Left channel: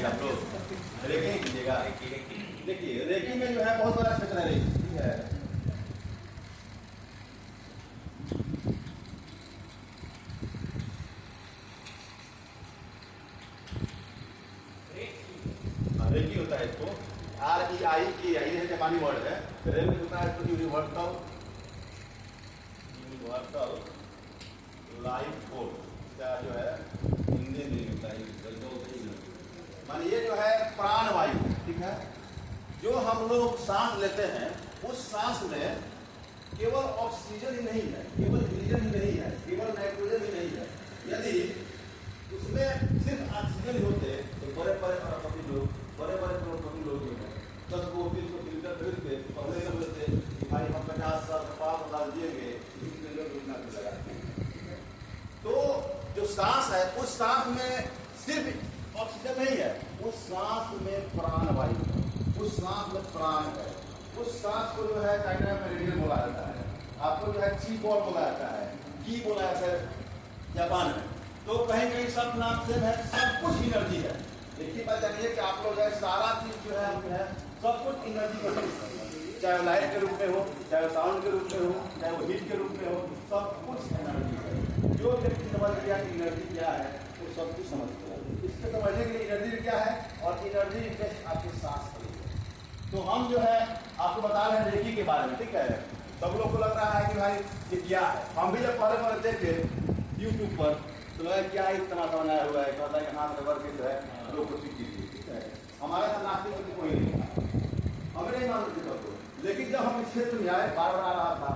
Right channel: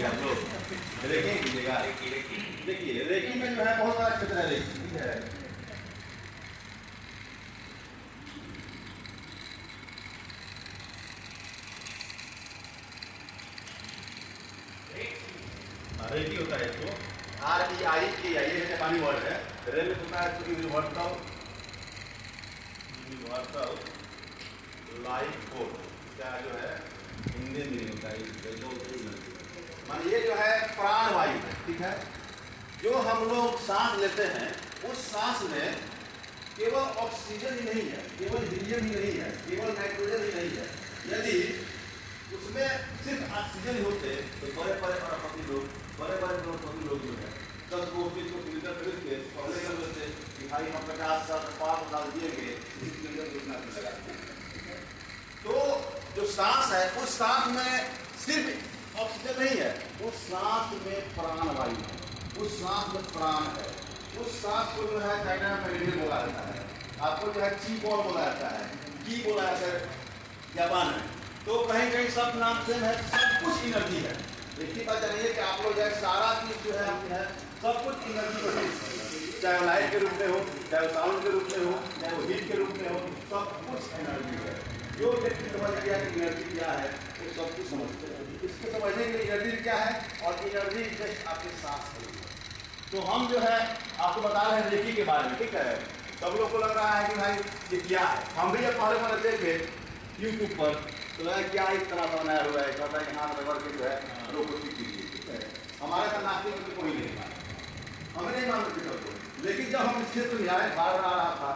कीजिएगा आप लोग, रेकी कीजिएगा। देखिए रेकी में जो है बहुत सारा क्षेत्र है रेकी, ठीक है। रेकी होता है इसको REI ये जापानी वर्ड है। रे में होता है इसको यूनिवर्सल लाइफ फोर्स, क्या जो है हिंदी में होता है मान ये जो है प्राणवायु है, ठीक है। जो हम लोग सांस लेते हैं उस सांस में केवल ऑक्सीजन ही नहीं है, केवल हीलियम ही नहीं है, केवल नाइट्रोजन ही नहीं है। यदि उसमें सिर्फ ऑक्सीजन ही होते तो बड़े बड़े करोड़पति लोग जो है 10 को फिल्टर खरीद के पहले कर लेते कि भाई हम 50,000 दिएंगे सिलेंडर योजना लगाते हैं। तो जो सांस है उस सांस में सिर्फ ऑक्सीजन नहीं है, उस सांस में प्राणवायु है, उस सांस में प्राण है। उस सांस को जो है चाइना में मेडिकल बोला जाता है, आपको जो है ची बॉल बोला जाता है, की बोला जाता है जापान में। तो कहीं कहीं सब नाम सेम है, सब कुछ एनर्जी है। एक ही बात जानिए कि आप लोग जो है सारा चीज जो है सब कुछ एनर्जी में है, चाहे वो लाइट के रूप में हो, चाहे वो साउंड के रूप में हो, चाहे वो हीट के रूप में हो, सब कुछ एनर्जी है। जो व्यक्ति समझ गया कि एनर्जी क्या है वो सब कुछ समझते हैं। इसको समझने के लिए एनर्जी क्या है और एनर्जी जस्ट आपके सांस के लिए। तो हम जो है आपको बता रहे हैं रेकी के बारे में, ठीक है। सब लोग को लग रहा है कि भाई ये क्या है। हम भी जब पहले देखे यूट्यूब पर तो लगा क्या इस तरह का बनाया हुआ है, कहता है कि हाँ रबर के जो है लोग को सीख लीजिए, ठीक है। हमारे साथ नास्तिक में कोई नहीं है, हमें नहीं मानते थे सबको। लेकिन जब हम इस क्षेत्र में आए बार बार आ रहा था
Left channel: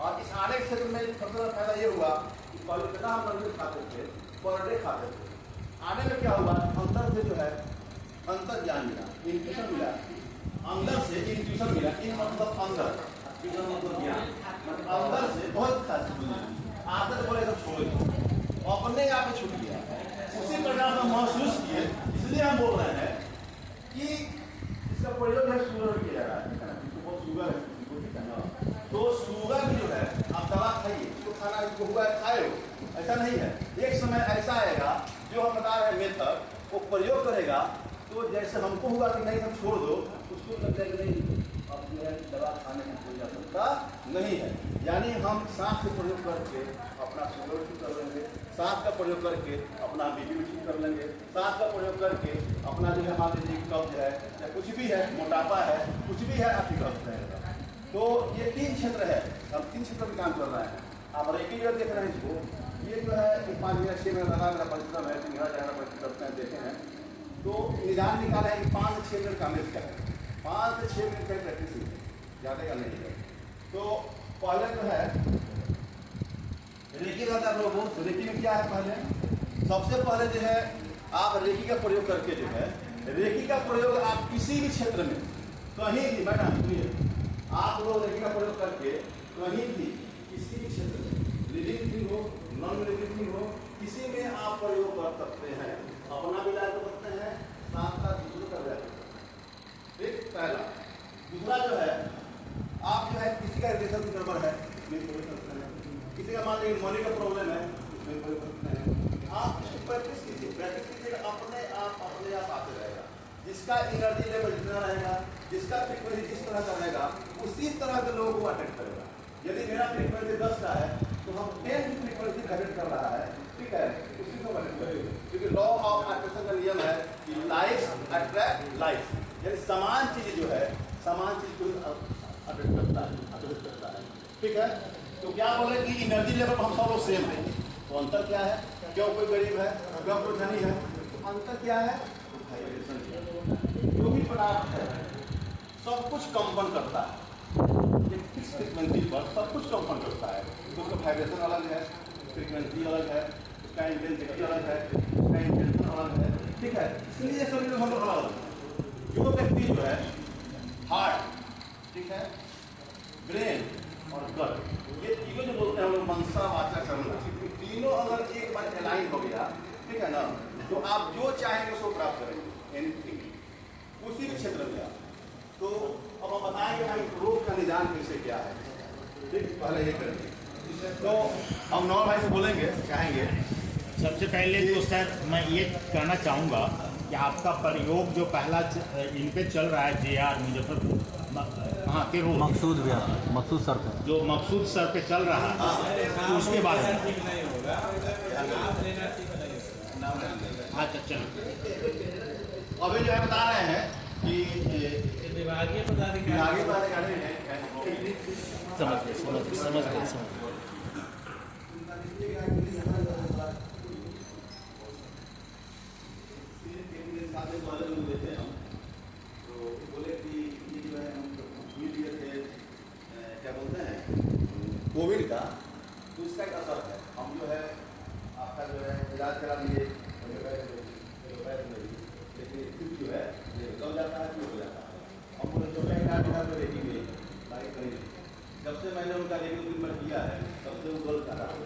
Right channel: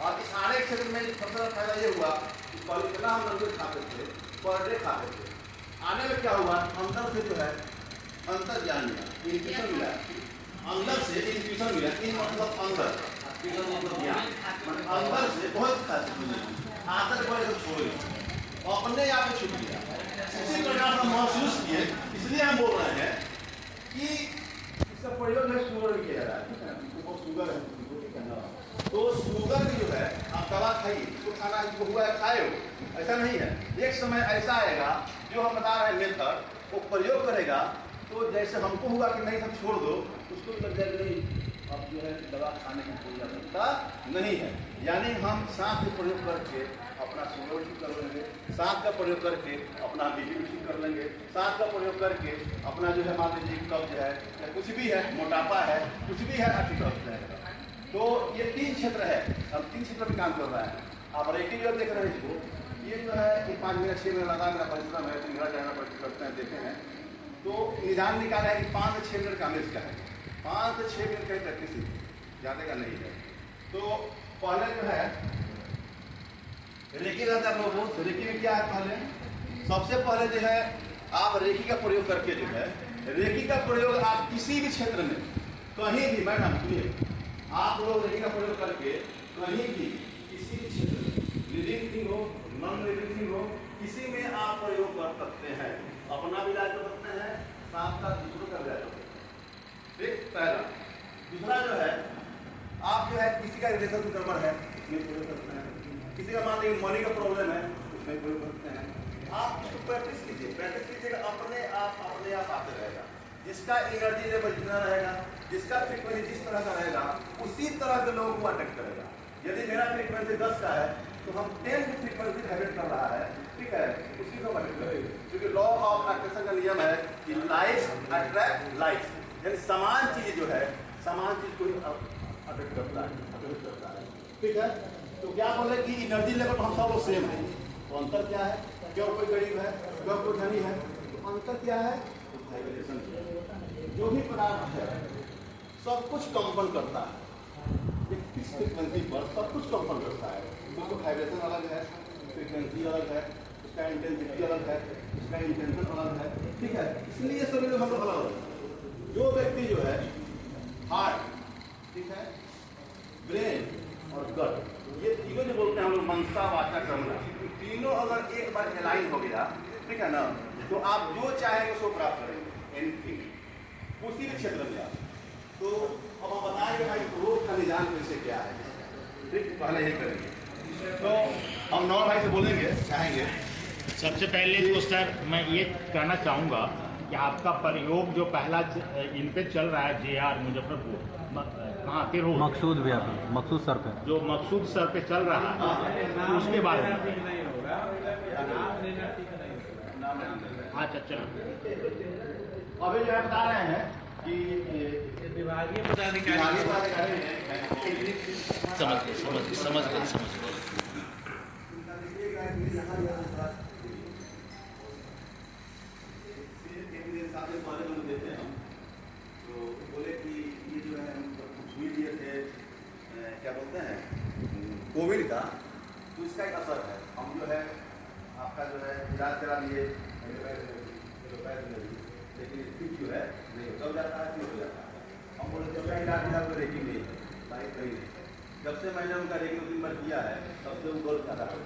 और इस आने क्षेत्र में सबसे फायदा ये हुआ कि पहले कितना हम नंबर खाते थे, पर डे खाते थे। आने में क्या हुआ, अंदर से जो है अंतर ज्ञान मिला, इंट्यूशन मिला, अंदर से इंट्यूशन मिला। इन मतलब अंदर, मतलब ज्ञान, अंदर से बहुत खास आदत बड़े सब छोड़े अपने आप छूट गया। इसी प्रकार से महसूस किए, इसलिए हम बोल रहे हैं कि इसका प्रयोग है शुगर किया जा रहा है, बहुत शुगर है, ठीक है ना। तो शुगर की जो है आप दवा खाइए, इसको खाना इसको हुआ है खाए हो, ऐसा नहीं है। एक समय ऐसा आएगा जो हम बता रहे हैं मेथड वो प्रयोग करेगा तो जैसे हमको हुआ कि नहीं हम छोड़ दो, उसको लग जाएगा नहीं अब जो है दवा खाने की कोई आवश्यकता नहीं है। यानी हम सांस का प्रयोग करके अपना शुगर ठीक कर लेंगे, सांस का प्रयोग करके अपना बीपी भी ठीक कर लेंगे, सांस का प्रयोग करके अपना जो है मान लीजिए कब्ज है या कुछ भी है, मोटापा है, कुछ भी है, आप ठीक कर जाएगा। तो ये 3 क्षेत्र है, हम 3 क्षेत्र में काम कर रहे हैं। आप रेकी जो देख रहे हैं इसको, ये जो है कि 5 मिनट 6 मिनट लगा मेरा परिश्रम है, मेरा जाना परिश्रम करते हैं, देखे हैं। तो निदान निकाला है कि 5 से 6 मिनट का मेज का है, 5 से 6 मिनट का प्रैक्टिस ही ज़्यादा का नहीं है। तो पहले जो है रेकी रहता है लोगों, तो रेकी में क्या है, पहले सबसे पहले जो है आप रेकी का प्रयोग करके जो है रेकी का प्रयोग आप किसी भी क्षेत्र में कहीं भी, मैडम सुनिए, आप लोग रेकी का प्रयोग करके कहीं भी किसी भी क्षेत्र में लिविंग थिंग हो, नॉन लिविंग थिंग हो, किसी में आप प्रयोग कर सकते हैं। अपना भी इलाज कर सकते हैं, साथ साथ दूसरों का इलाज कर सकते हैं। ठीक, पहला। दूसरा जो है आप जो है किसी का रिलेशन गड़बड़ है उसमें प्रयोग कर सकते हैं, किसी का मान लीजिए मनी का प्रॉब्लम है उसमें प्रयोग कर सकते हैं। आप इसको प्रैक्टिस कीजिएगा, अपने आप आते रहेगा। जिसका एनर्जी लेवल जितना रहेगा, जिसका फ्रीक्वेंसी जिस तरह का रहेगा, उसी तरह के लोगों को अटेक्ट करेगा। यदि मेरा फ्रीक्वेंसी 10 का है तो हम 10 की फ्रीक्वेंसी अटेक्ट कर रहा है, ठीक है, उसी को अटेक्ट करेंगे। क्योंकि लॉ ऑफ अट्रैक्शन का नियम है कि लाइक्स अट्रैक्ट लाइक्स, यानी समान चीज जो है समान चीज को अटेक्ट करता है, ठीक है। तो क्या बोले कि एनर्जी लेवल हम सब लोग सेम है, तो अंतर क्या है, क्यों कोई गरीब है, क्यों कोई धनी है, तो अंतर क्या है, तो वाइब्रेशन। जो भी पदार्थ है सब कुछ कंपन करता है, एक फिक्स फ्रीक्वेंसी पर सब कुछ कंपन करता है। तो उसका वाइब्रेशन अलग है, फ्रीक्वेंसी अलग है, उसका इंटेंसिटी अलग है, उसका इंटेंशन अलग है, ठीक है। इसलिए सभी लोग हम लोग अलग अलग है। जो व्यक्ति जो है हार्ट, ठीक है, ब्रेन और गट, ये तीनों जो बोलते हैं हम लोग मनसा वाचा कर्म, तीनों अगर एक बार अलाइन हो गया, ठीक है ना, तो आप जो चाहेंगे उसको प्राप्त करेंगे, एनीथिंग, उसी भी क्षेत्र में आप। तो अब हम बताएंगे भाई रोग का निदान कैसे क्या है, ठीक, पहले ये करेंगे। तो हम नौ भाई से बोलेंगे, चाहेंगे। सबसे पहले तो सर मैं ये कहना चाहूँगा कि आपका प्रयोग जो पहला इन पे चल रहा है JR मुजफ्फरपुर कहाँ के रोड मकसूद भी आप मकसूद सर पे जो मकसूद सर पे चल रहा है उसके बारे में अच्छा चलो अभी जो है बता रहे हैं कि विभागीय पदाधिकारी समझ गए देते हैं हम तो बोले कि ये जो है हम हुई दिए थे क्या बोलते हैं कोविड का, तो इसका एक असर है। हम जो है आपका जो है इलाज करा लिए लेकिन ठीक जो है कब जाता है क्यों हो जाता है। हम बोले जब का इलाज इलाज तो रेगी नहीं बाइक करी नहीं, जब से मैंने उनका रेगी ट्रीटमेंट किया है तब से वो गोल कर रहा है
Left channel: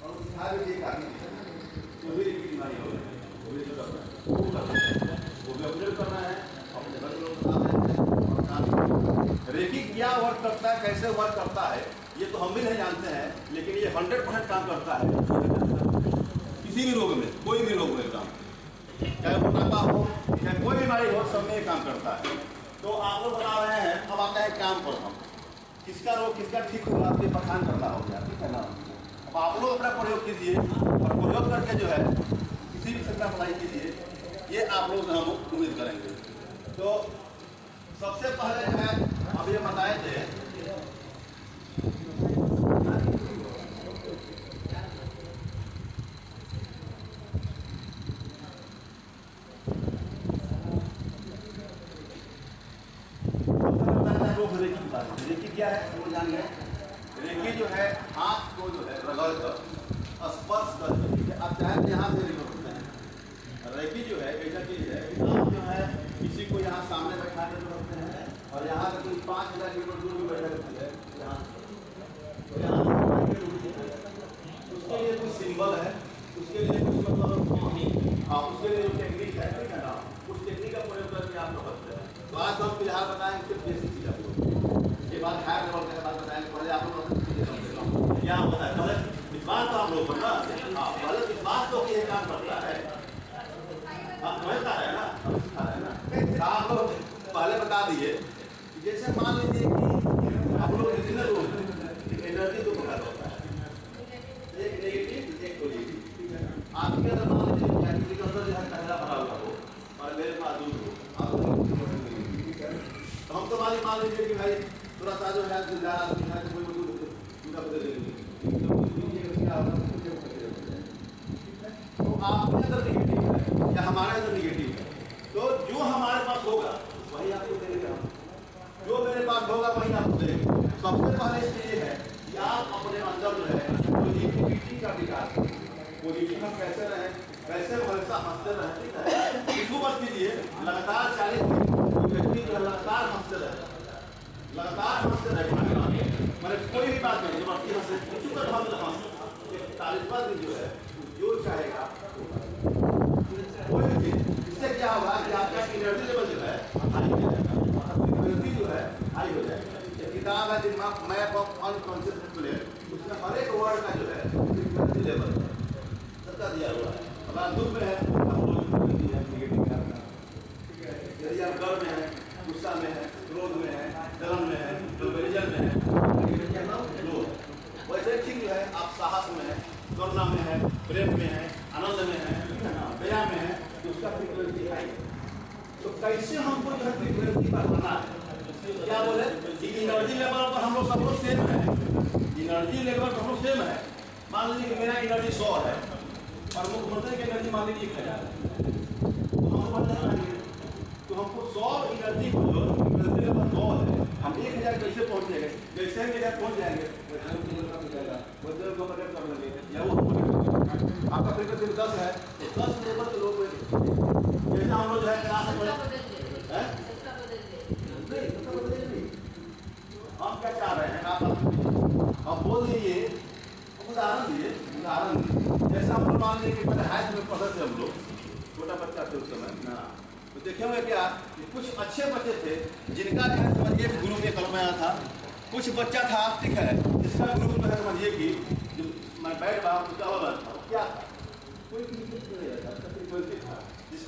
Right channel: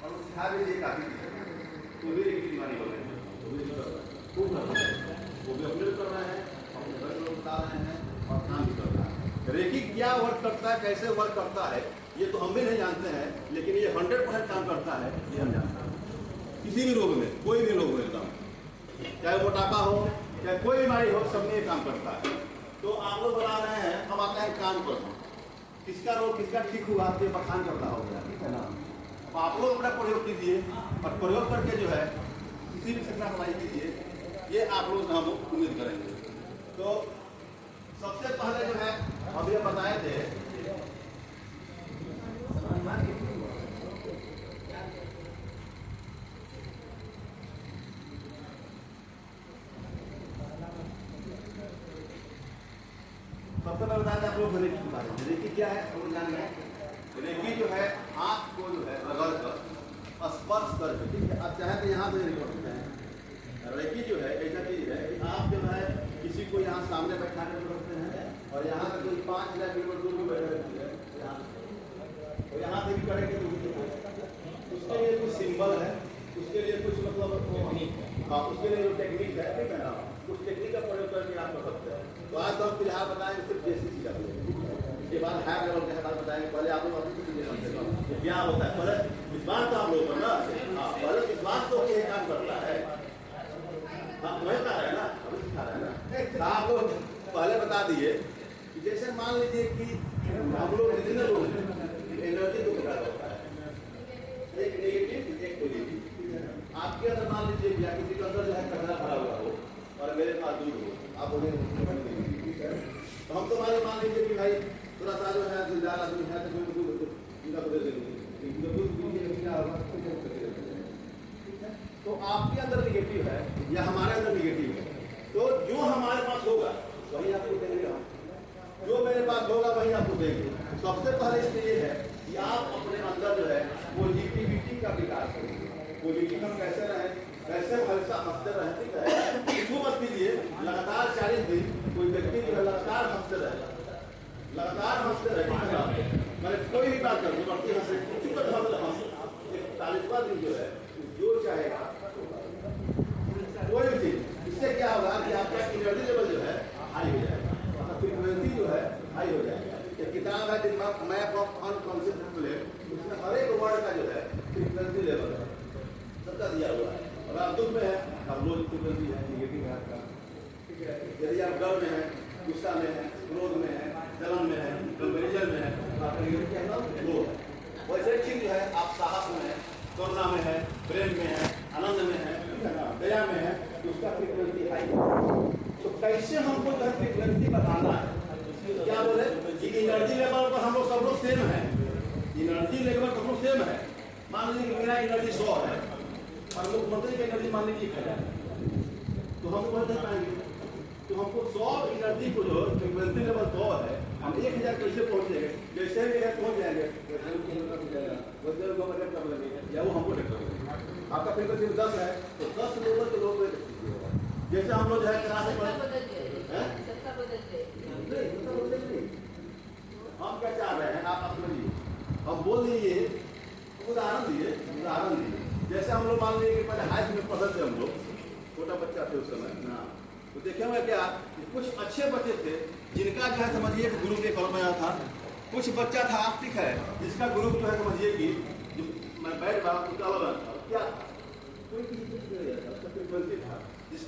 और सिखा भी दिए काफ़ी तो भी रेगी की बीमारी हो गई, वो भी कर रहा है, वो भी अपने कर रहा है, अपने घर के लोग बता रहे हैं और काम भी कर रहे हैं। रेकी क्या वर्क करता है, कैसे वर्क करता है ये तो हम भी नहीं जानते हैं, लेकिन ये 100% काम करता है किसी भी रोग में, कोई भी रोग में एकदम, चाहे मोटापा हो चाहे कोई बीमारी हो, सब में ये काम करता है। तो आप लोग बता रहे हैं, हम आते हैं काम पर, हम किसका रोग किसका ठीक हुआ आप ये बखान करना हो गया, ठीक है ना। अब आप लोग अपना प्रयोग कीजिए और प्रयोग करके जो है किसी भी क्षेत्र में अप्लाई कीजिए, ये आप लोग से हम उम्मीद करेंगे। तो सबसे पहले जो है हम ये बताए थे रेकी के बारे में। रेकी क्या है वो जान गए। रेकी जो है हाथ को जो है रगड़ कर स्पर्श करके, ठीक है, आप चाहें तो यहाँ से रेकी करते हैं। रेकी जो है ऐसा चीज है कि आप जो है किसी को यहाँ सामने बैठा कर रखते हैं और यहाँ से कोई 5,000 किलोमीटर दूर भी बैठा रहती है, यहाँ से उसके लिए कुछ सिंबल है, उसके लिए कुछ मतलब हाँ उसके लिए जो टेक्निक है, ठीक है ना, उस टेक्निक का प्रयोग करके आप कर सकते हैं। तो आज तो हम फिलहाल बताएंगे सिर्फ बेसिक चीज आप लोग, इसके बाद हाई लेवल के बात बताएंगे। पहले आप लोग अपनी चीजें कम से कम क्या होता है, पहले विश्वास तो आप लोग पर ना, हाँ पहले विश्वास तो ये काम करता है, हाँ समझता है ना, हमें सिखा रहा है ना। तो आप लोग पहले बता दिए कि जैसे मान लीजिए कि आप लोग रीजनल रोज एनर्जी दो प्रकार होता है, एक नेगेटिव एक पॉजिटिव। आपके अंदर मान लीजिए या किसी के अंदर जो है कचरा भरा हुआ हो और मेरे पास दूध हो, आप तो हम तो मान लीजिए कि भाई थोड़ा सा जो है जिंदा आदमी है तो कोई दूध उनका बदल देंगे, तो आपके अंदर निगेटिव है या हमारे अंदर निगेटिव है, तो जो हमारे पास होगा वही आपको देंगे, हम जो मेरे पास होगा वही आपको देंगे। सबसे पहले इसमें ये है कि आप अपने अंदर जो है पॉजिटिविटी का विकास करें। पॉजिटिव हम कैसे रहें, कैसे हमेशा हंसते रहें, ठीक है। इसको मत कीजिए लगातार 40 दिन कोई व्यक्ति जो है लगातार हंसते रहे, लगातार हंसते रहे, मैंने कोई भी बात करें जबरदस्ती हंसे, चुप कर हंस 40वां दिन जो है जो चाहेगा कोई भी चीज, इससे क्या होगा कि आपका एनर्जी लेवल जो है हाई हो जाएगा, फ्रीक्वेंसी जो है हाई हो जाएगा। एक किताब है मैप ऑफ अनकॉन्शियस प्लेन, उसमें हर एक वर्ड का जो है फ्रीक्वेंसी लेवल सबका दिया हुआ है। अगर आप दुख में है आप रोज फ्रीक्वेंसी है निगेटिव का, ठीक है। यदि आप डर में है, गुस्सा में है, क्रोध में है, जलन में है, कंपेरिजन में है, लो है। वैसे ठीक जो है आप साहस में है, करुणा में है, प्रेम में है, आनंद में है, ठीक है ना, दया में है, उसका फ्रीक्वेंसी हाई है। तो कैसे हमको जो है फ्रीक्वेंसी बढ़ाना है, क्या बोले कि एनर्जी लेवल पर हम लोग सब लोग सेम है, एनर्जी लेवल पर हम लोग सेम है। मान लीजिए कि मेरा एनर्जी 100 है और मुख्यमंत्री की एनर्जी मान लीजिए 1000 है, तो हम तो बढ़ जाएंगे। तो हमको 100 एनर्जी को जो फ्रीक्वेंसी लेवल 100 है, हम 1000 कैसे पहुंचेंगे, जैसे हम 1000 पहुंच जाएंगे वैसे को मदद कर लेंगे या वो हमको आपका फ्रीक्वेंसी 10 है तो 10 लेवल के लोग जैसे हम लोग जो है क्लास में हम क्या चाह रहे हैं आप अब बोल दीजिए, उदाहरण दिए जैसे हम लोग मान लीजिए कि पहले हाई स्कूल में पढ़ते थे, हम लोग छोटा बच्चा थे उस समय ना, तो देखेंगे क्या कुछ अच्छे बच्चे थे जिनका क्या है समझिए गुरु के कल में आया था, कुछ बच्चा था ठीक है जिसका गुरु को है समझिए कि मैं बैठ रहा उसका अलग था, क्या था कोई फ्रीक्वेंसी था।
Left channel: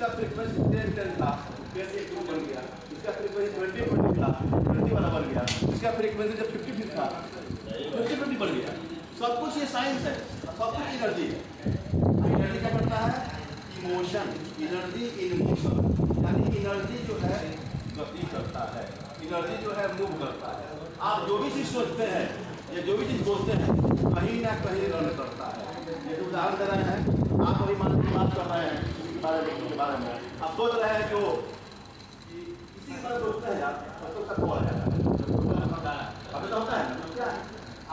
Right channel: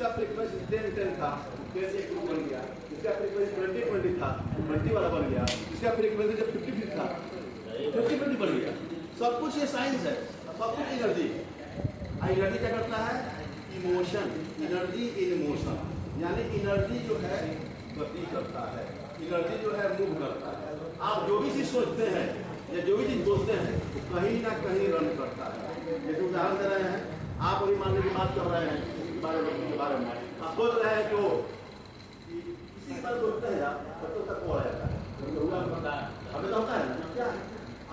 इसका फ्रीक्वेंसी 10-10 था, 10 एक बन गया। इसका फ्रीक्वेंसी 20-20 था, 20 वाला बन गया। इसका फ्रीक्वेंसी जब 50-50 था, 50-50 बन गया। सब कुछ ये साइंस है, सब कुछ एनर्जी है। एनर्जी क्या करता है? इमोशन, एनर्जी इन मोशन, यानी एनर्जी जो है गति करता है, एनर्जी जो है मूव करता है। आप जो भी चीज़ सोचते हैं या जो भी चीज़ बोलते हैं कहीं ना कहीं रन करता है। जैसे उदाहरण दे रहे हैं, आप अभी मान लीजिए बात कर रहे हैं किसी के बारे में, आप सोच रहे हैं कि वो किसी के बारे में सोचते हैं यार तो उसका कॉल आ जाता है, अब तो होता है क्या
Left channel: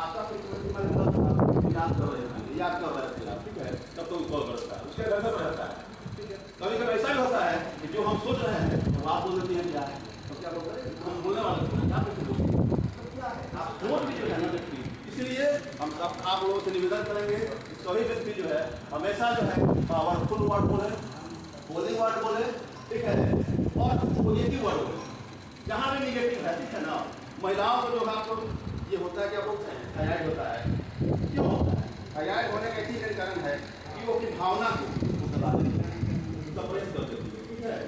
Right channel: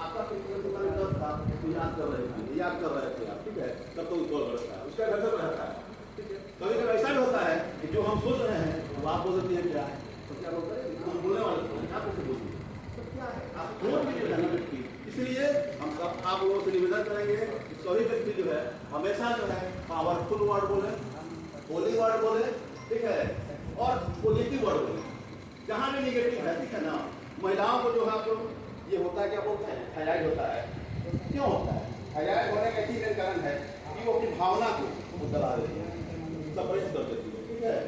आपका फ्रीक्वेंसी पर था, याद कर रहे थे आप, ठीक है, तब तो कॉल करता है, उसका घर पर रहता है, ठीक है। कभी कभी ऐसा भी होता है कि जो हम सोच रहे हैं वो आप बोल देती हैं क्या है, तो क्या बोलते हैं हम बोलने वाले क्या कैसे बोलते हैं, तो क्या है आप सोच भी जो है ना व्यक्ति। इसलिए हम सब आप लोगों से निवेदन करेंगे कि सभी व्यक्ति जो है हमेशा जो है पावरफुल वर्ड बोले, होली वर्ड बोले, ठीक है, और पॉजिटिव वर्ड बोले। जहाँ भी निगेटिव है, ठीक है ना, महिलाओं को जो है आपको ये होता है क्या बोलते हैं थायराइड होता है। क्यों होता है? थायराइड होने का एक कारण है कि वो अपनी भावना को दबा देती है, सप्रेस कर देती है, ठीक है,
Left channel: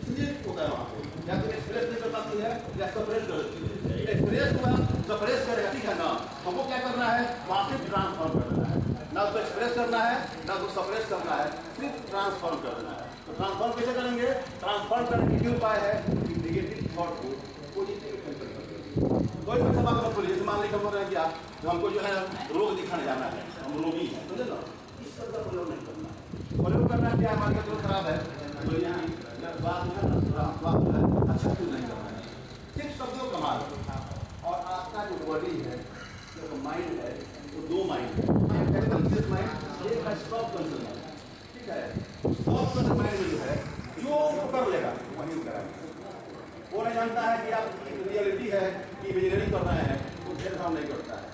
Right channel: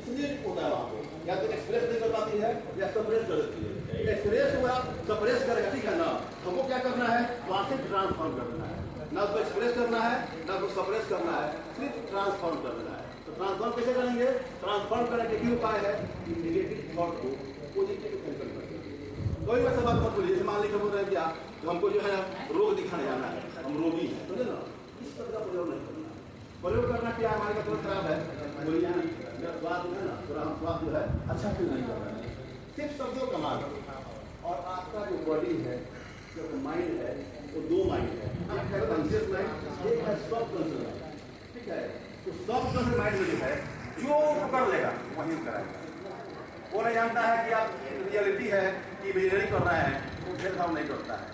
इसलिए होता है वहाँ पर या तो एक्सप्रेस नहीं कर पाती है या सप्रेस कर देती है। एक्सप्रेस को हम सप्रेस करेगा, ठीक है ना, हमको क्या करना है वहाँ से ट्रांसफॉर्म कर देना है, ना उसको एक्सप्रेस करना है ना उसको सप्रेस करना है, सिर्फ ट्रांसफॉर्म कर देना है। तो ट्रांसफॉर्म कैसे करेंगे? ट्रांसफॉर्म करने के क्या उपाय है कि नेगेटिव थॉट को पॉजिटिव में कन्वर्ट कर देंगे। कोई वैसा बात मत बोलिए, जैसे मान लीजिए बोल रहे हैं क्या तो हमको जो है रोग दिखाने जाना है, हम रोगी हैं, समझे ना, इस शब्द का प्रयोग नहीं करना है। प्रयोग करना क्या है, हमारे का तुरंत खराब है, बात है ना, थोड़ा स्वास्थ्य है अच्छा फील नहीं करना है, सिर्फ शब्दों का मार्ग। और आपका जो बॉडी है, जो माइंड है, वो दो माइंड है, एक है कॉन्शियस माइंड, एक है सब कॉन्शियस माइंड, ठीक है। सब कॉन्शियस माइंड में जो है जो कर लेगा वही कराएगा। वो नहीं जानता है कि आप रियलिटी है कि इंजीनियरिंग कर रहे हैं, वो भेदभाव नहीं करता है,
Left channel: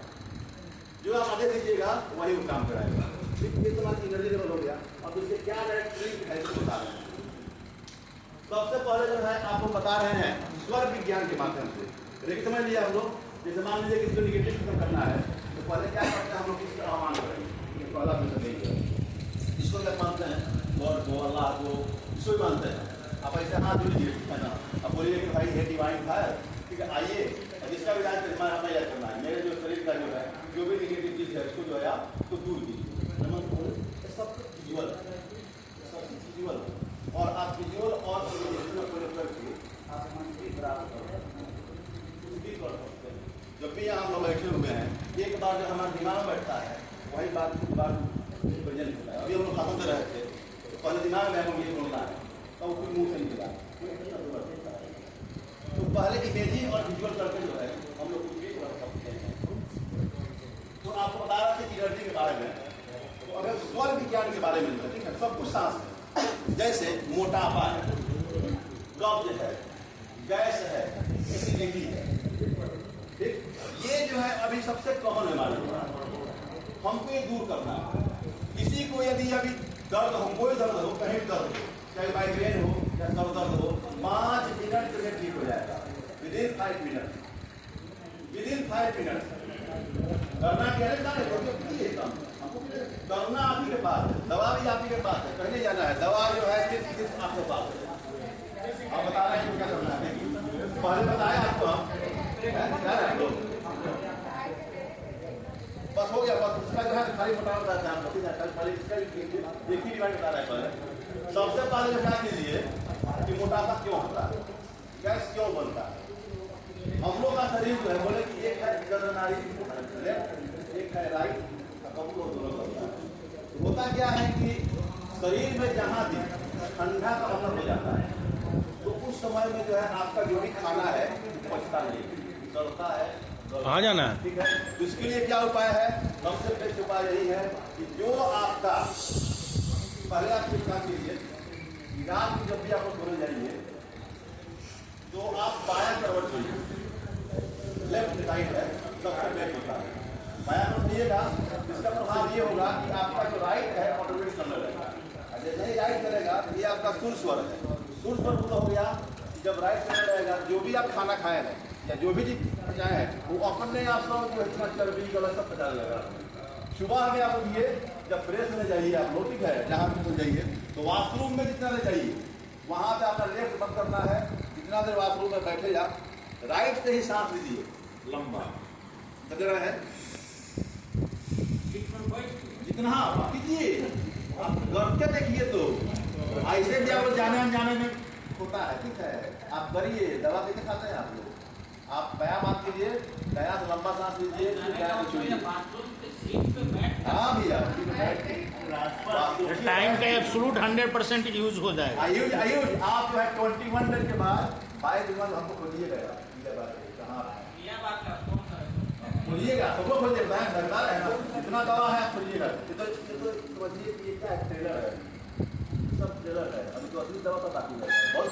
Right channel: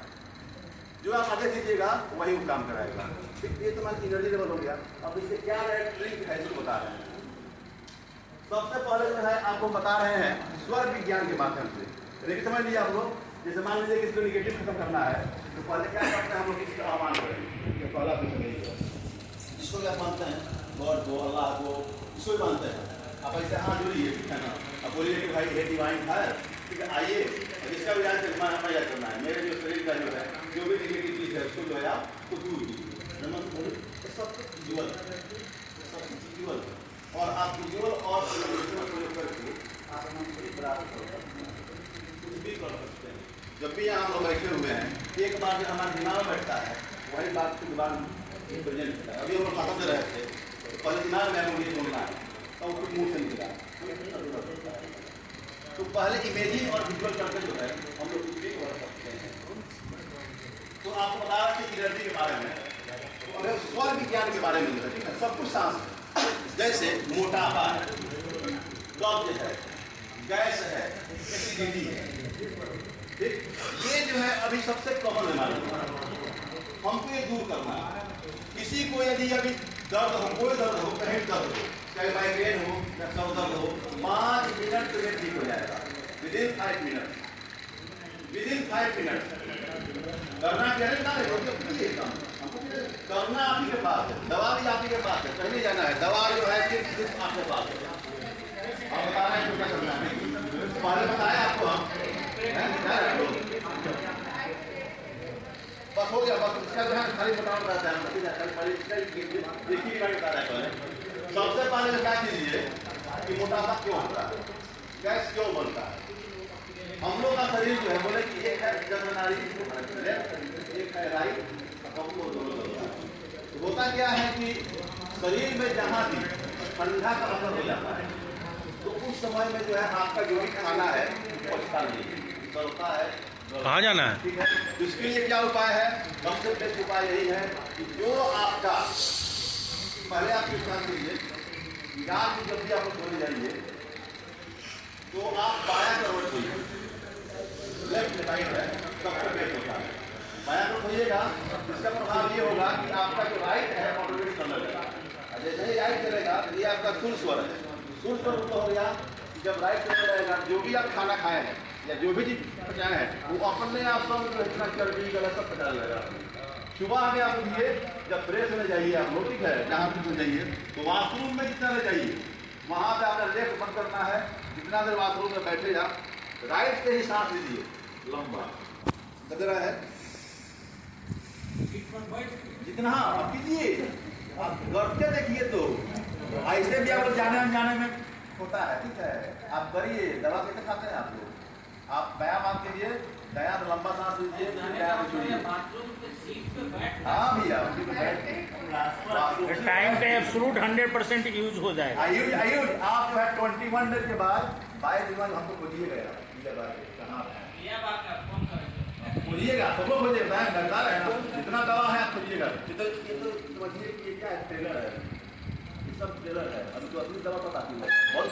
जो आप आगे दीजिएगा वही वो काम कराएगा, ठीक। ये तो मान एनर्जी लेवल हो गया। अब इससे क्या ट्रिक है इसको बता रहे हैं। सबसे पहले जो है आपको बता रहे हैं स्वर विज्ञान के माध्यम से, देखिए समझ लिया आप लोग। जैसे मान लीजिए कि इसको निगेटिव खत्म करना है तो पहले क्या करते हैं हम लोग, इसका आह्वान करेंगे, पहला प्रश्न नहीं है, इसको क्या मानते हैं, गॉड को, अल्लाह को, इसको भी मानते हैं। आप ऐसे हाथ जोड़िए, ठीक है ना, अब बोलिए कि भाई ये डिवाइन है, ठीक है, आइए और इसका भी याद करना है, मेरे जो शरीर का जो है जो भी निगेटिव चीज़ है उसको जो है आप तो दूर कीजिए। सब कुछ विजुअल है, सब कुछ विजुअल है, और आप विजुअल और प्रयोग करके आप कुछ भी कर सकते हैं। जब भी यहाँ हम लोग बैठे हुए हैं, एक बार जो हमारे दिमाग में बैठता है वही बात के बाद प्रेजेंट होता है। अभी हम लोग खत्म दे रहे थे तो पहले दिमाग में हमें मुझे बोलना है तो वो कुछ मुँह से निकला, तो पहले इमेजिंग और विजुअल करके जो है हम लोग कुछ भी कर सकते हैं। तो आपको बता रहा था एनर्जी के बारे में, तो अगर स्वर विज्ञान के बारे में, ठीक है, सब कुछ सांस है, जैसे मोटापा है, कब्ज है, गैस है, एसिडिटी है, ठीक, ये जो है अभी सबसे कॉमन बीमारी है, हमको ये दूर करना है। किसी को यदि अभी दर्द हो, कोई दर्द हो, कहीं दर्द हो, चाहे माइग्रेन हो या सर दर्द हो, 5 मिनट में ठीक हो जाएगा, विदिन 5 मिनट, विदिन 5 मिनट। करना क्या है, हमको करना आप ही के पास है, दवा भी आप ही के पास है, कहीं जाना है, दवा जो है सिर्फ आपके पास है। आप बता रहे हैं क्या करना है, पहले बताया आपको हम, बस हो गया, बस इसका जो है खाली मोटापा रहता है, एक ही बीमारी बता रहा है। पहले सबसे पहले जो क्या कीजिए कि मोटापा क्यों होता है, गैस क्यों बनता है। हम लोग का शरीर जो है बोले कि एक है जन्म नारी, एक है राइट, होता क्या है कि शरीर में जहाँ भी ठंडा का असर हो जाता है तो उस समय में जो है आपका जो भी खाना है पचता नहीं, चलता है, कहाँ जाना है, ठीक है। तो इसके लिए क्या उपाय है, सबसे बेस्ट उपाय यही है कि जो आपका पहले आप विचार कीजिए, रात में जब भी आप सोने जाइए तो आप बायां करवट सोइए, लेफ्ट राइट है सबसे बेस्ट होता है, बायां करवट सोइएगा, इसका प्रभाव ये होगा कि आपका जो राइट है ऑटोमेटिक चलने लगेगा, जैसे ही राइट चलेगा ये आपका सुर स्वर है, सुर स्वर हो गया। जब राइट चलने लगेगा जो भी आप खाना खाए हैं या जो भी चीज पचाए हैं वो अपने आप सब जो इतना चर्बी गलत सब पचा लगेगा, सुबह में आप उठिए, जब फ्रेश होने जाइए आप लोग, ठीक है, नहा धो जाइए, तो वॉशरूम में जितना देर जाइए वहां पे आपका लेफ्ट बंद करना है। जितना देर वॉशरूम में बैठे आप राइट से ही सांस लीजिए लंबा, लग रहा है जितना आप कीजिए, आप करके देखिए। तो ऐसे भी आप लोग जाने अनजाने में होता है, ठीक है, आप करिए। दवा कैसे खाते हैं आप लोग? आप व्यायाम आप कीजिए, दया से लंबा सांस लीजिए, दया से छोड़िए। हाँ भैया, टाइम का एब्सोल्यूट 100% यूज हो जाएगा। आयुष आप जो है 21 डेज के बाद 22 दिन बाद हमको खोजिएगा, कहाँ खोजिएगा, सबको खोजिएगा, डरदार है ना, जितना दवा है आप खोजिएगा। ये तो समझिए कि ये क्या है, ट्रेलर है, सब ट्रेलर है, अभी तो असली दवा तो बाकी है।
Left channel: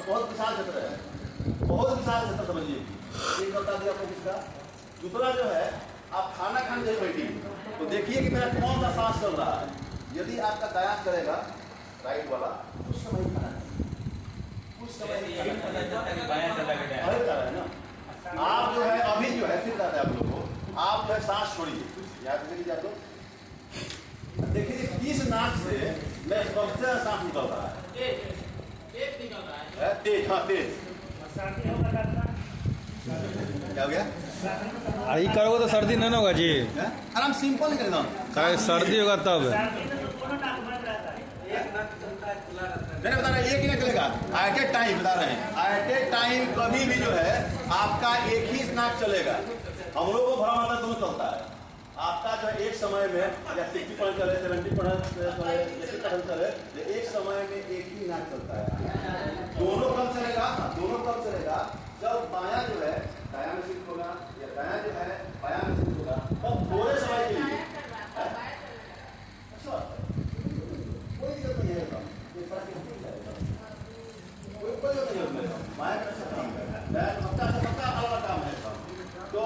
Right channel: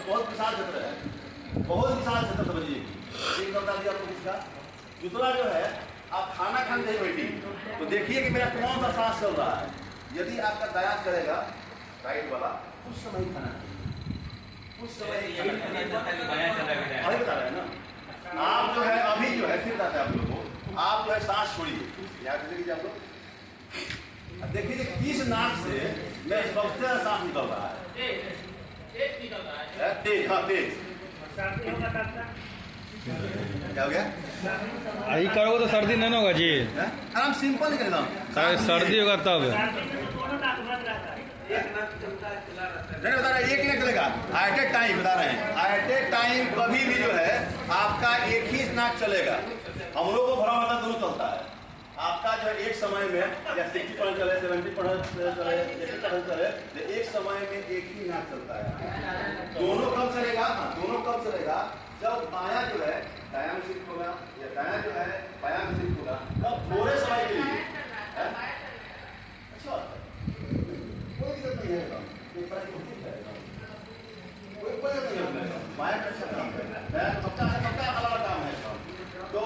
बहुत विशाल क्षेत्र है, बहुत विशाल क्षेत्र समझिए। एक बता दिया आपको इसका। दूसरा जो है, आप खाना खाने नहीं बैठिए तो देखिए कि मेरा कौन सा सांस चल रहा है। यदि आपका दयास करेगा राइट वाला, उस समय ही खाना उस समय है ना। आप जो है अभी जो है, फिर बताते हैं आप लोगों को, आप जो है सांस छोड़िए, याद रखिए आप लोग। देखिए किस नाक से मैं सबसे ज्यादा सांस निकल रहा है, तेज, हाँ तेज। क्या हो गया? यही करोगे तो सर्दी नहीं होगा जी। आराम सिंपल निकल रहा, सर्दी होगा तब मैंने बता रहा एक ही निकलेगा। एट ए टाइम बता रहे हैं, एट ए टाइम कभी भी जो है आपका एक ही नाक चलेगा। हम लोग को भरा माता दोनों चलता है। आपका जो है एक समय में या 60% चले, 70% चले, 80% चले, तो एक समय में एक ही नाक चलता है। दोनों कब चलेगा? दोनों कब चलेगा? जब बायां जो है दायां में शिफ्ट होगा या दायां जो है बायां में शिफ्ट होगा, तब थोड़े समय के लिए। अच्छा, कोई दिक्कत नहीं है, कोई दिक्कत नहीं है। बायां का अच्छा काम है, दायां का सबका अलग काम है। तो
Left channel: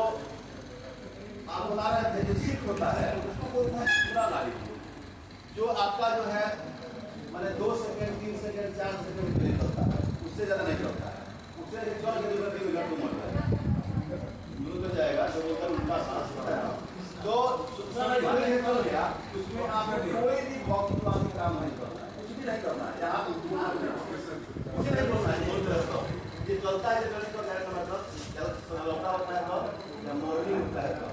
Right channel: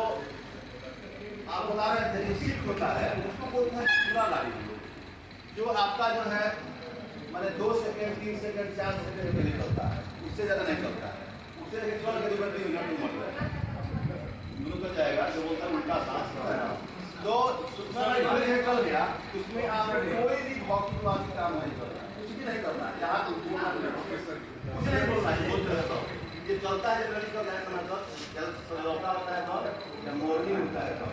आप बता रहे थे कि शिफ्ट होता है, उसको बोलते हैं पूरा लाइफ, जो आपका जो है मैंने 2 सेकंड 3 सेकंड 4 सेकंड के लिए चलता है, उससे ज्यादा नहीं चलता है। उससे चल के मिनट जाएगा, जो बोलता है उल्टा सांस है ना। तो चल गया, उसमें आप कोई भी भौतिक वाली काम नहीं करना है, कुछ भी नहीं करना है। यहाँ कुछ नहीं बोलना है, ये चलता है मतलब लौटा होता है तो या मॉर्निंग होता है तो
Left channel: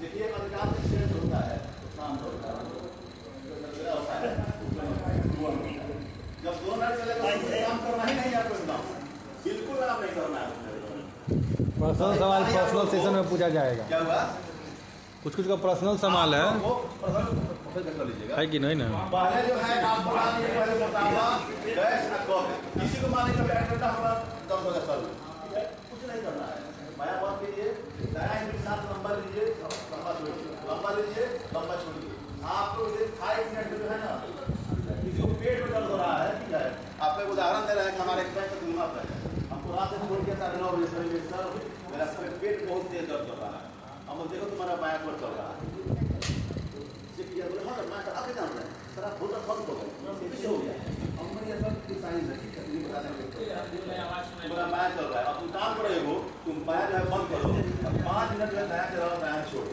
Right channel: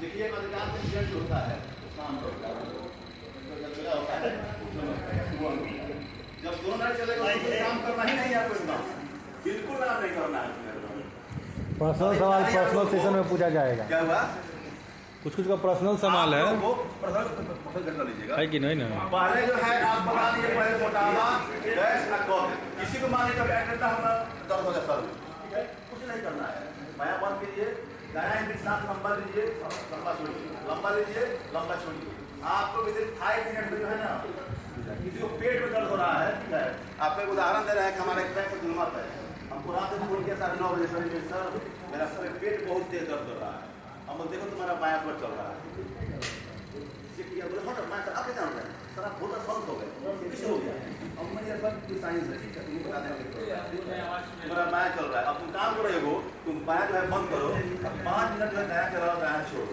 देखिए अधिकांश एक्सीडेंट होता है तो शाम होता है, जब दोनों नहीं चलेगा तो कोई काम करना ही नहीं है, आपको एकदम बिल्कुल काम नहीं करना है। पर्सनल सवाल पर्सनल सेशन में पूछा जाएगा। क्या हुआ? कुछ का पर्सनल सवाल है कि नहीं ना? पहले जो है आप बता दिए, पहले मोटापा, गैस और कफ। किसी को माने कभी एक्सीडेंट होगा, दर्द हो जाता है, ठीक है, कुछ नहीं करना है। माया बंद कीजिए, दायां के साथ लंबा लीजिए, लंबा छोड़िए, लंबा लीजिए, लंबा छोड़िए। आपको विद इन 5 मिनट में जो है ना, किसी को पेट में दर्द हो रहा है, ठीक है, आपको एक उदाहरण दे रहे हैं कि हमारे एक बैंक का है, हमको रात में फोन किया 9:30 बजे, सर मेरा पेट बहुत तेज दर्द हो रहा है। हम देखो तुम्हारा बायां पर चल रहा है, बोले हाँ मैं आगे जान रहे हैं सर, आप बहुत बंद हो गए, पीछे हो गया। अब मैंने सर साइंस है, ठीक है, तुम्हें बता देंगे तुम्हारा बायां चल रहा है। अब तुम काम कर रहे हो, तुम बायां जो है बंद करो, अब 5 मिनट जो है दायां चला रहा, दायां छोड़ो।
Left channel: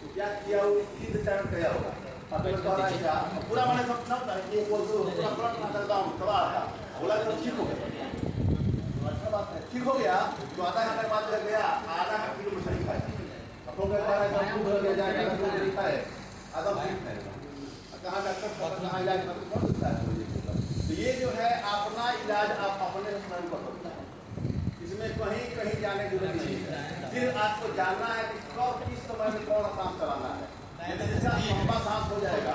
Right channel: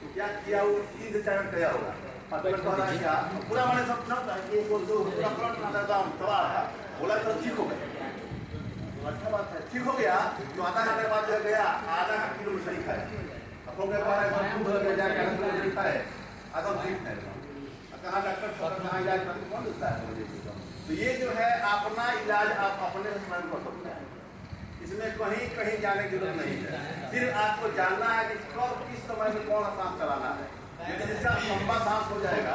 तो क्या किया हो, 3 से 4 मिनट किया होगा। अब तो कह रहा है क्या पूरा मैंने सब पूरा चला रहा, बोला तो ठीक हो गया, अच्छा बात है, ठीक हो गया। तो आधा घंटे बाद जो गया, आधा घंटे किलो में सही खाया, अपनों के पास है आदम ठीक है, कहाँ डॉक्टर कहाँ इलाज करके कौन देता है? तो ये जो है अपना इलाज आप अपने स्वयं कर सकते हैं, इसमें कहीं कहीं जाने की जरूरत नहीं है। सिर्फ आपको जानना है कि कब किस समय में कौन सांस चलाना है। लेकिन जिसका लंबा सांस हो जाएगा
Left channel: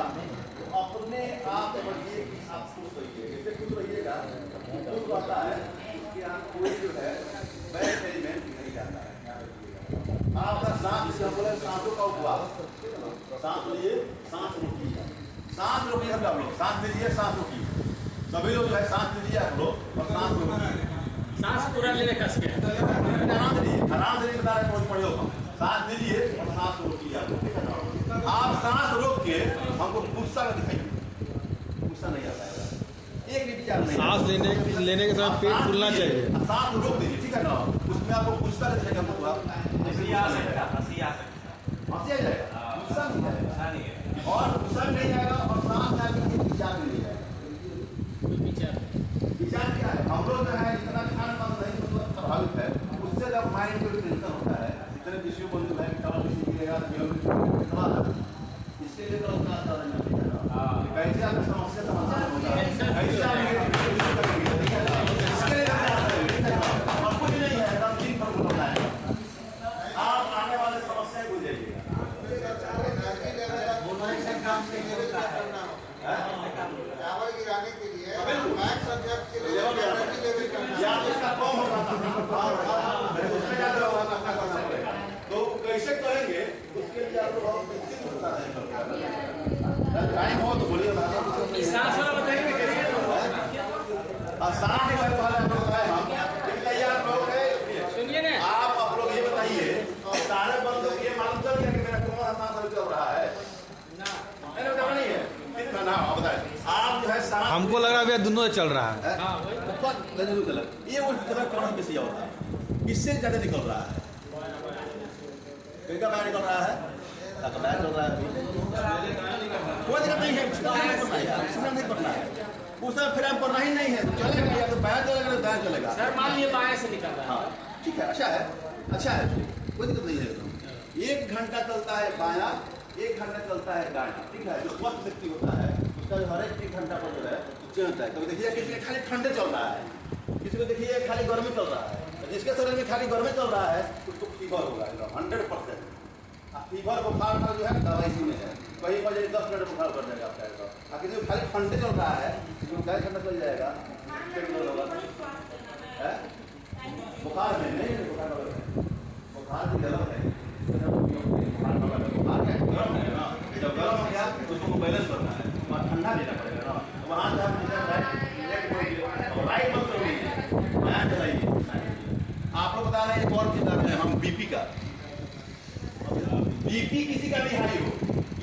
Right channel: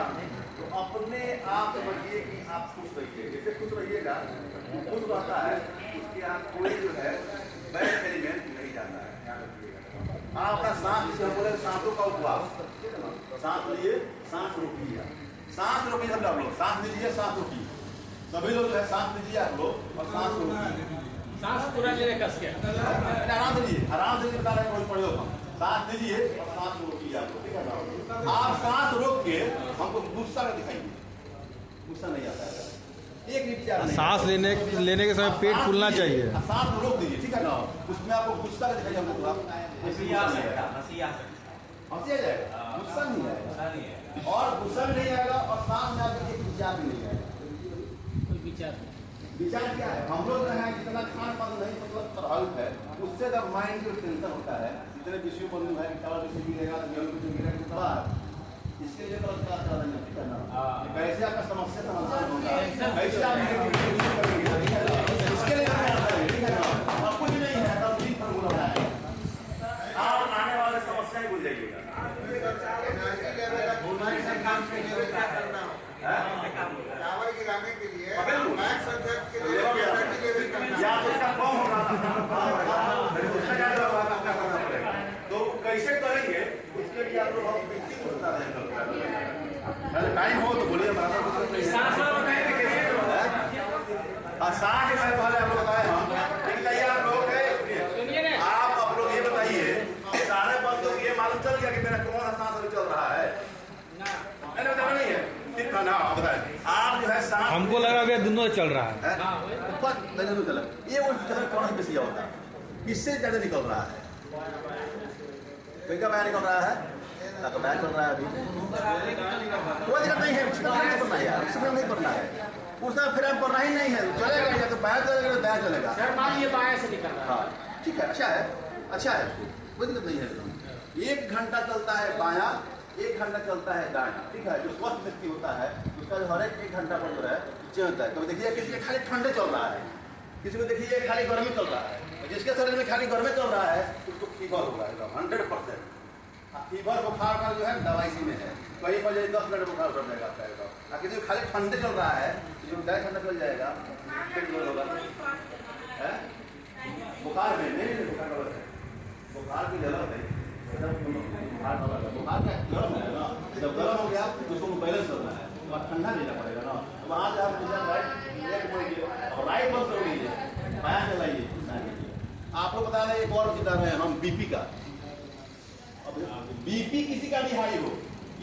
तो अपने आप समझिए कि आप खुश रहिए। जैसे खुश रहिएगा तो खुश रहता है, उसके यहाँ कोई जो है बैड एलिमेंट नहीं जाता है, ध्यान रखिएगा। हाँ, अपना सांस जिसे हम बोले सांसों का उपवास, ठीक है ना, सांस लीजिए, सांस रोकिए, सांस रोकिए। सब लोग सांस लीजिए, सांस रोकिए, सभी लोग जो है सांस लीजिए आप लोग और सांस रोकिए, सांस पूरा लेने कस के आराम से लीजिए, आराम से बता रहे हैं, पड़े हो सांस लीजिए और सांस रोकिए आप लोग, ठीक है ना। आप सांस रोक के हमको गुस्सा का दिखाइए, गुस्सा नहीं आता है, एक भी विचार नहीं। सांस लेने के समय पेट फूलना चाहिए, सांस रोक दीजिए, ठीक है ना, उसमें आपको गुस्सा का दिखाइए, हमको हंसी आ जाएगा, गुस्सा नहीं आएगा। और गुस्सा भी नहीं आएगा और सांस में आकर के विचार भी नहीं आएगा। विचार क्या है? हम लोग जो है जितना खान पान नहीं मतलब प्रभावित है, उससे जब माइंड को टेंशन होता है, जितने विषयों बंधु है कल किसी मिलेगा इसके लिए तो कैसे आपका समस्या समाधान होगा, कैसे आप इसके लिए और कुछ नहीं है, तब दिन पर बुलाना है, आप आने वाले समस्या ही भूल जाइएगा। चावल गिराने के लिए मैक्स अध्यक्ष के लिए तो कैसे करेंगे उसके लिए आप लोग टाइम हो तो बोलिए। सांस है पहले आप बताए हम बताइए आप लोग आप लोग ये बताइए सारे बंदों को ये मालूम चल गया कि मेरा कोरोना सांस अभी चल रहा है? नहीं बताना नहीं है ना, बताए आप जो है सांस हमको लगा भैया दोनों चल रहा है। ये वो कौन बेसी होता है, इससे ज्यादा निकल रहा है। का निकल रहा है, बैग चल रहा है, अभी कोई दिक्कत नहीं है, उसका नहीं पढ़ना यार, उसका नहीं पढ़ना है, उसका फिर हम पढ़ना ही नहीं है, चलेगा या तो बैग चलेगा या बैग चलेगा। मान लिया बाया से निकल रहा है। हाँ ठीक है, अच्छा है, अच्छा है, कोई दिक्कत नहीं है। 1 घंटा चलता है बायां, 1 घंटा चलता है दायां, ठीक है। जो स्वस्थ व्यक्ति होता है उसका जो हर 1 घंटा पर जो है चेंज होता है। कभी देखिए किसी के खाली ठंडे चल रहा है, किसी को देखिए खाली गर्मी चल रहा है, जिसके शरीर में खाली गर्मी चल रहा है उसको फीवर होगा एकदम 100%। फीवर बुखार का जो है दवा इसी में है, कहीं पर 10 मिनट बुखार कर जाएगा आपका एकदम। किसी को खाली ठंडे चल रहा है, किसी को गैस ठंडा चल जाएगा, बुखार में नहीं, बुखार की गलत है, बुखार का गर्म है ना, जब गर्म हो गया तो उसको बैलेंस करना है और ठंडा लेना पड़ेगा ना। तो वहाँ से आप राइट मत करिए, बायां चलाइए। आपको बता रहे हैं एक और चीज रहे हैं हम बीपी का। बीपी किसी का भी हाई हो,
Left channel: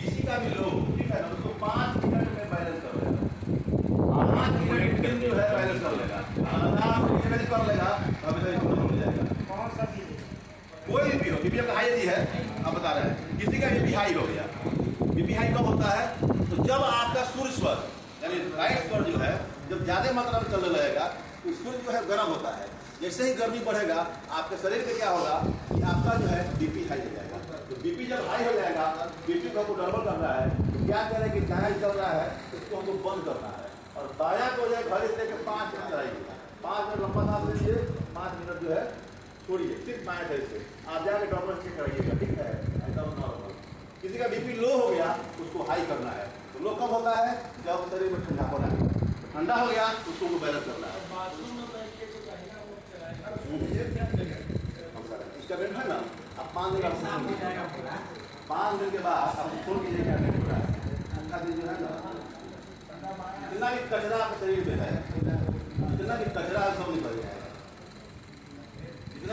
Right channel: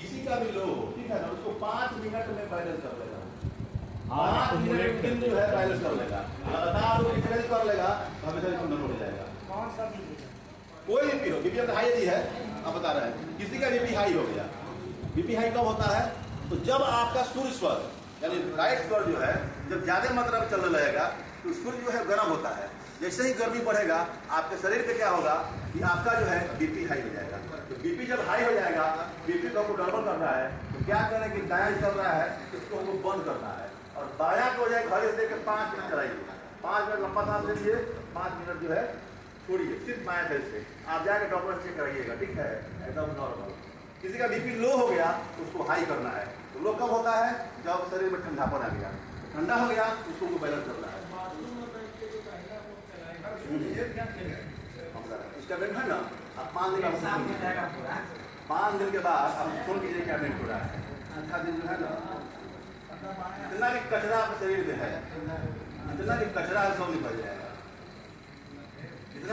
किसी का भी लो, ठीक है ना, उसको 5 मिनट में बैलेंस कर लेगा, 5 मिनट में जो है बैलेंस कर लेगा, लगातार किसी कर लेगा तो अभी तक खत्म हो जाएगा। कोई भी हो, बीपी आपका हाई यदि है, आप बता रहे हैं किसी का बीपी हाई हो गया। बीपी हाई कब होता है? तो जब आपका सूर्य स्वर यानी राइट स्वर जो है जब ज्यादा मात्रा में चलने लगेगा तो सूर्य जो है गर्म होता है। जैसे ही गर्मी बढ़ेगा आपके शरीर में क्या होगा कि आपका जो है बीपी हाई हो जाएगा। तो बीपी जब हाई हो जाएगा, बीपी को हमको गड़बड़ करना है तो क्या करें कि दायां चल रहा है उसको हमको बंद करना है और दायां को जाए घड़ी देकर 5 मिनट चलाइए, 5 मिनट लंबा सांस लीजिए, 5 मिनट जो है छोड़िए, सिर्फ बाएं साइड से आप जाके डॉक्टर से कराइएगा, ठीक है, एकदम नॉर्मल। किसी का बीपी लो हो गया उसको हाई करना है। तो लो कब होता है? जब शरीर में ठंडापन आ गया, ठंडा हो गया उसको बैलेंस करना है। इसका बेट है ना, आप 5 दिन 5 दिन के बाद आप फोन कीजिए क्या बेट हो रहा है। अच्छा दिन जो है ना, जितना भी कचरा आपके शरीर में है, जितना भी कचरा है सब निकल जाएगा।